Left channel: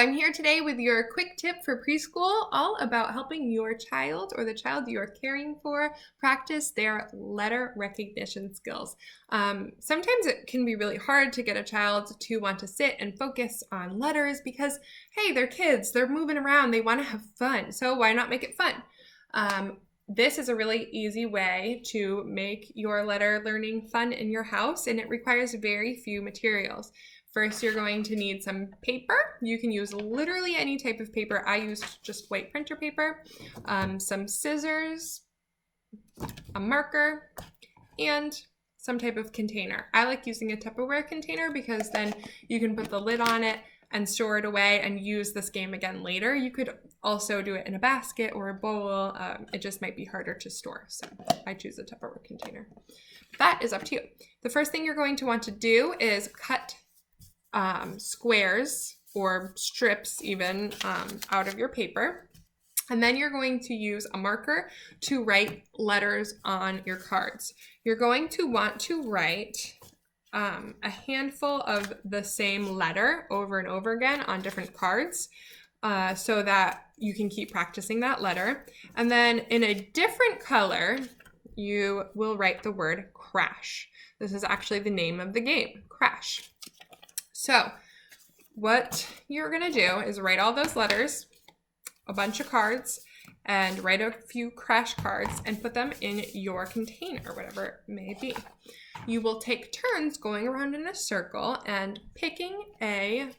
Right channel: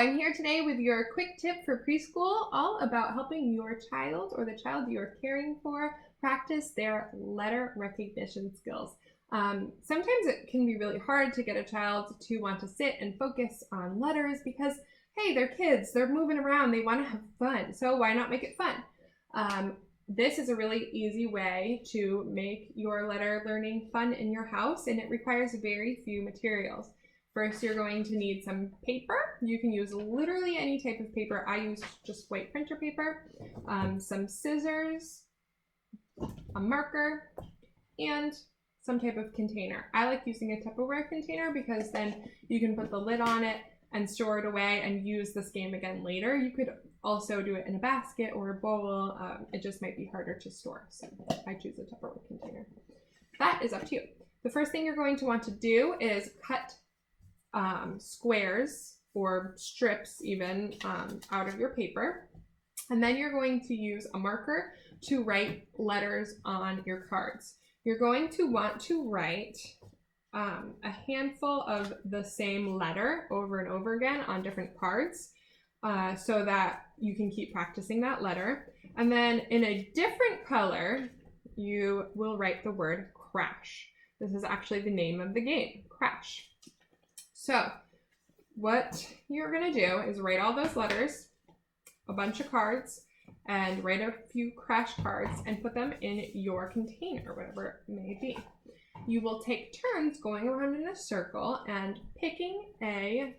I'm here today with your quick tip for preschool, all about helping your child or the child you're caring for practice their letter recognition skills. Sometimes it can be really hard to get a child to want to sit and focus on letters because, hey, they're kids, they're moving around, they want to have fun. So why not make it fun? This is a really easy way to make your letter learning fun in your house, and it requires very few materials. First, you're going to need some paper. You can use literally any type of paper. I used just white printer paper, some scissors, a marker, and some type of container. I like using a Tupperware container because then you can put the lid on it and store it away and use this game again later. You could also do it in a basket or a bowl. It just might be harder to store, so I choose a Tupperware container. That is up to you. The first thing you're going to want to do is cut squares or strips even out of your paper. And then you're going to use a marker to write letters on your cards. You're going to want to write a handful of the same letter over and over again on different cards so that you can keep practicing that letter. And then in a different color, you will write the word crash. This is actually the name of the game, crash. So what you're going to do is write all those letters, a bunch of cards, and write a few crash cards and put them in your container, whatever it may be. You will take turns going around in a circle and picking a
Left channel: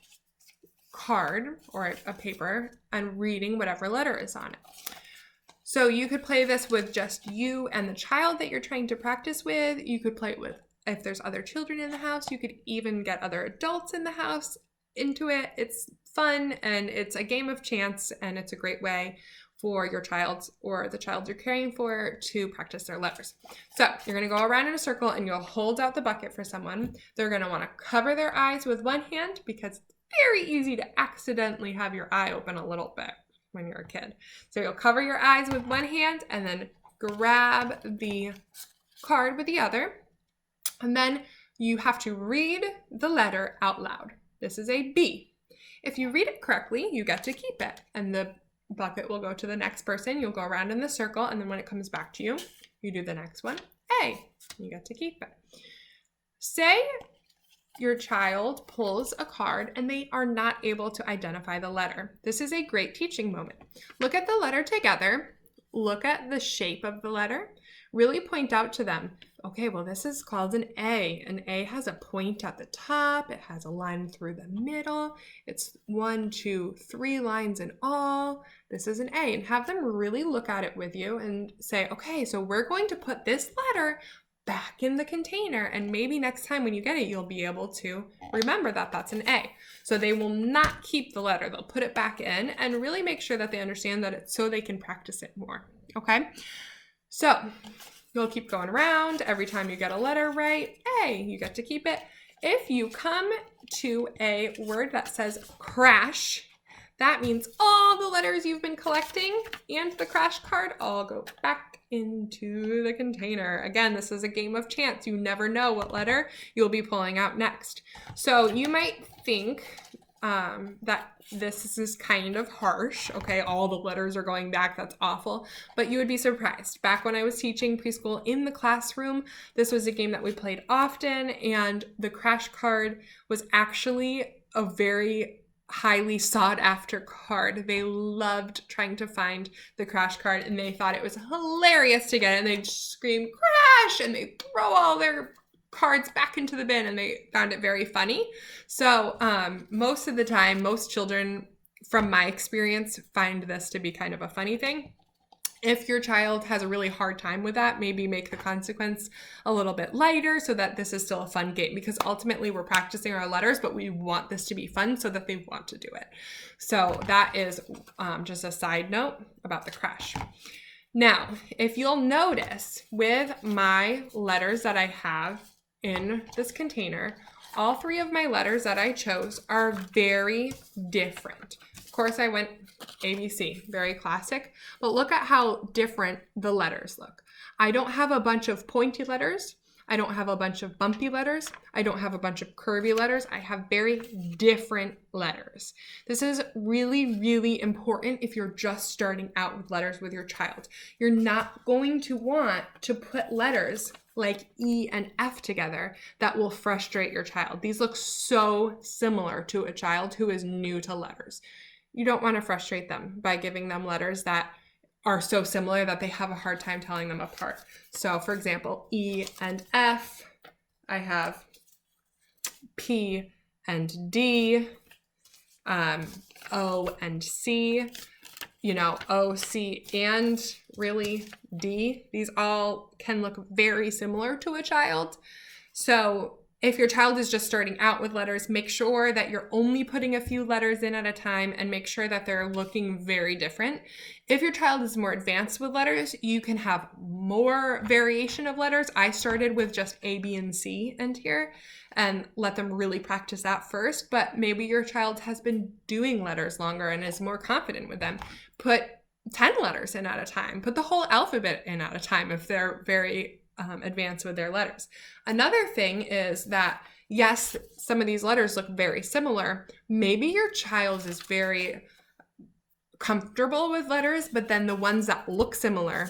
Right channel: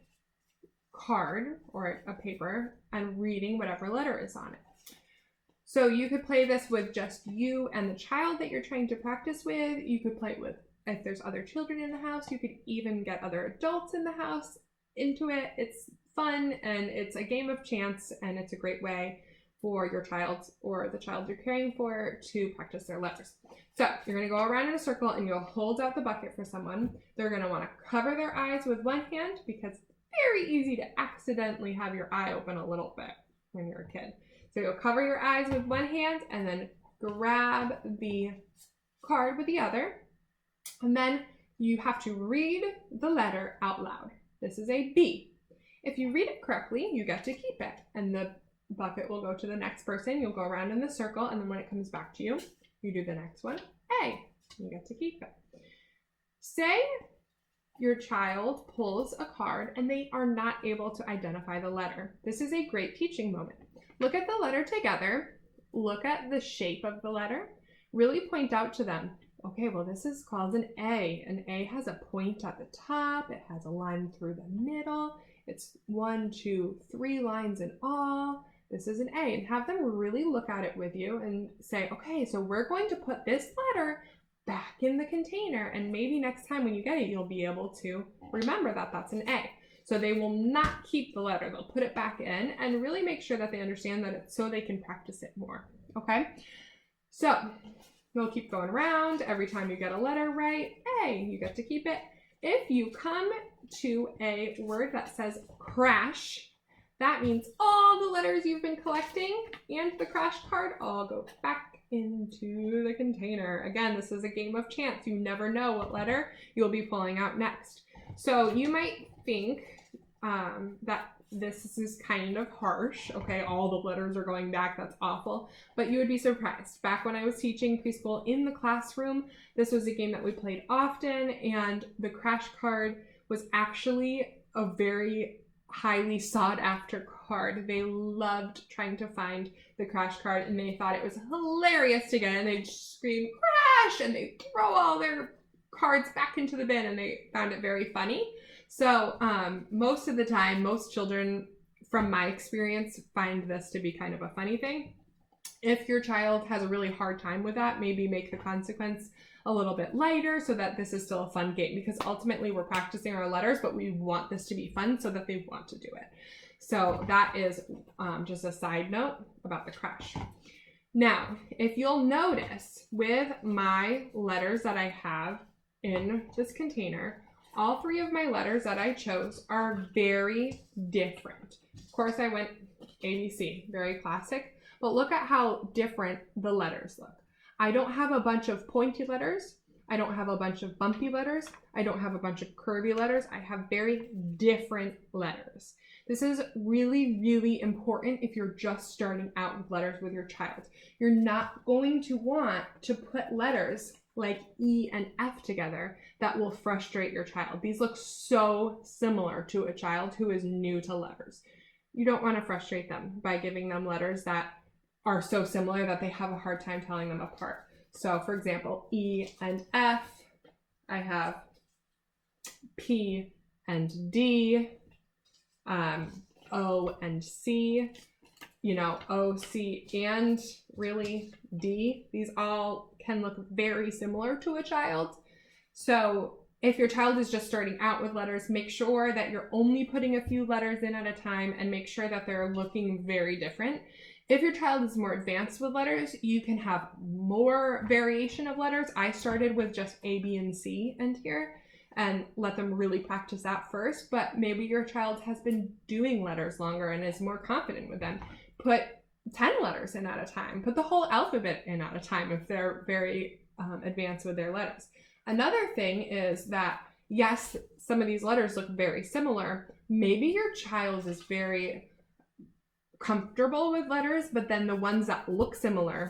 card or a paper and reading whatever letter is on it. So you could play this with just you and the child that you're trying to practice with. You could play it with if there's other children in the house. You could even get other adults in the house into it. It's fun and it's a game of chance, and it's a great way for your child or the child you're caring for to practice their letters. So you're going to go around in a circle and you'll hold out the bucket for someone. They're going to want to cover their eyes with one hand because it's very easy to accidentally have your eye open a little bit when you're a kid. So you'll cover your eyes with one hand and then grab the card with the other. And then you have to read the letter out loud. This is a B. If you read it correctly, you get to keep it. And the bucket will go to the next person. You'll go around in the circle, and then when it comes back to you, you do the next one. A. You get to keep it. Say your child pulls a card and they are not able to identify the letter. This is a great teaching moment. Look at the letter together. Look at the shape of the letter. Really point out to them, okay, well, this is called an A. An A has a point at the top. It has a line through the middle. It's 1, 2, 3 lines in all. This is an A. And have them really look at it with you and say, okay, so we're going to put this letter back in the container. And maybe next time when you get it, you'll be able to remember that that's an A. So they will not keep the letter. They'll put it back in and really make sure that they understand that it's so they can practice it more. Okay? So you'll keep going around. Every time you get a letter right, A, you get to keep it. If you come to a word that says crash, that means all the letters you've been collecting and the crash card all go back into the container. Again, this is a game of chance. You never know what letter you'll be pulling out next. So you might think that this is kind of harsh. Okay, all the letters are going back. That's awful. But you would be surprised. Back when I was teaching preschool in the classroom, this was a game that we played often, and the crash card was actually a very highly sought after card. They loved trying to find the crash card, and they thought it was hilarious to get it, and they'd scream crash, and they'd throw all their cards back into the bin, and they found it very funny. So most of the time, most children, from my experience, find this to be kind of a funny thing. If your child has a really hard time with that, maybe make the consequence a little bit lighter so that this is still a fun game, because ultimately we're practicing our letters, but we want this to be fun so that they want to do it. So that is just a side note about the crash. Now, if you'll notice with my letters that I have in this container, all 3 of my letters that I chose are very different. Of course, I went ABC, very classic, but look at how different the letters look. I don't have a bunch of pointy letters. I don't have a bunch of bumpy letters. I don't have a bunch of curvy letters. I have very different letters. This is really, really important if you're just starting out with letters with your child. You're not going to want to put letters like E and F together that will frustrate your child. These look so similar to a child who is new to letters. You don't want to frustrate them by giving them letters that are so similar that they have a hard time telling them apart. So for example, E and F, I have P and D, O and C, you know, O, C, and really D. These all can look very similar to a child. So if your child is just starting out with letters, make sure that you're only putting a few letters in at a time and make sure that they're looking very different. If your child is more advanced with letters, you can have more variation of letters. I started with just A, B, and C in here and let them really practice that first, but maybe your child has been doing letters longer and is more confident with them. Put 10 letters in at a time. Put the whole alphabet in at a time if they're very advanced with their letters. Another thing is that, yes, some of these letters look very similar. Maybe your child is very comfortable with letters, but then the ones that look similar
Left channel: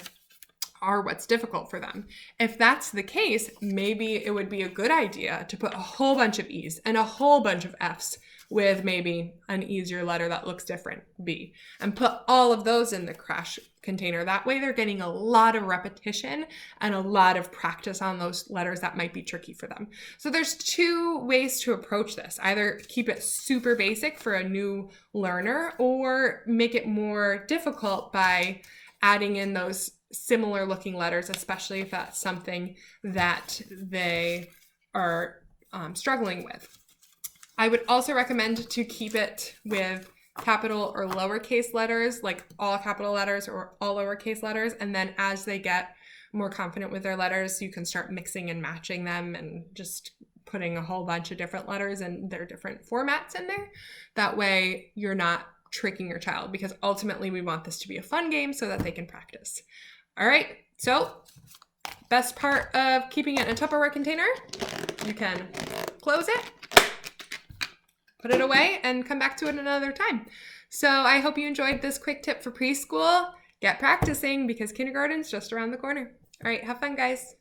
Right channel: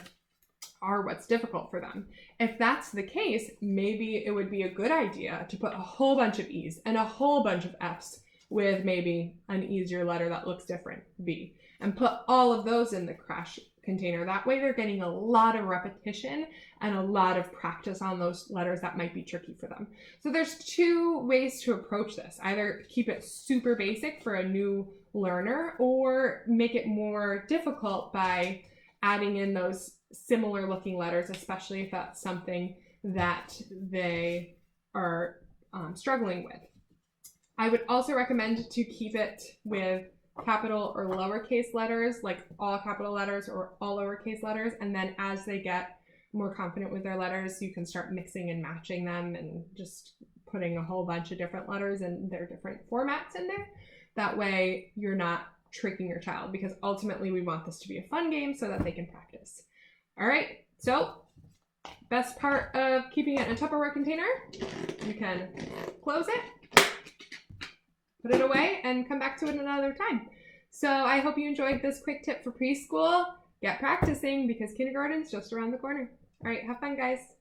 are what's difficult for them. If that's the case, maybe it would be a good idea to put a whole bunch of E's and a whole bunch of F's with maybe an easier letter that looks different, B, and put all of those in the crash container. That way they're getting a lot of repetition and a lot of practice on those letters that might be tricky for them. So there's two ways to approach this. Either keep it super basic for a new learner or make it more difficult by adding in those similar looking letters, especially if that's something that they are struggling with. I would also recommend to keep it with capital or lowercase letters, like all capital letters or all lowercase letters. And then as they get more confident with their letters, you can start mixing and matching them and just putting a whole bunch of different letters and their different formats in there. That way you're not tricking your child, because ultimately we want this to be a fun game so that they can practice. All right, so best part of keeping it in a Tupperware container, you can close it, put it away, and come back to it another time. So I hope you enjoyed this quick tip for preschool. Get practicing because kindergarten's just around the corner. All right, have fun, guys.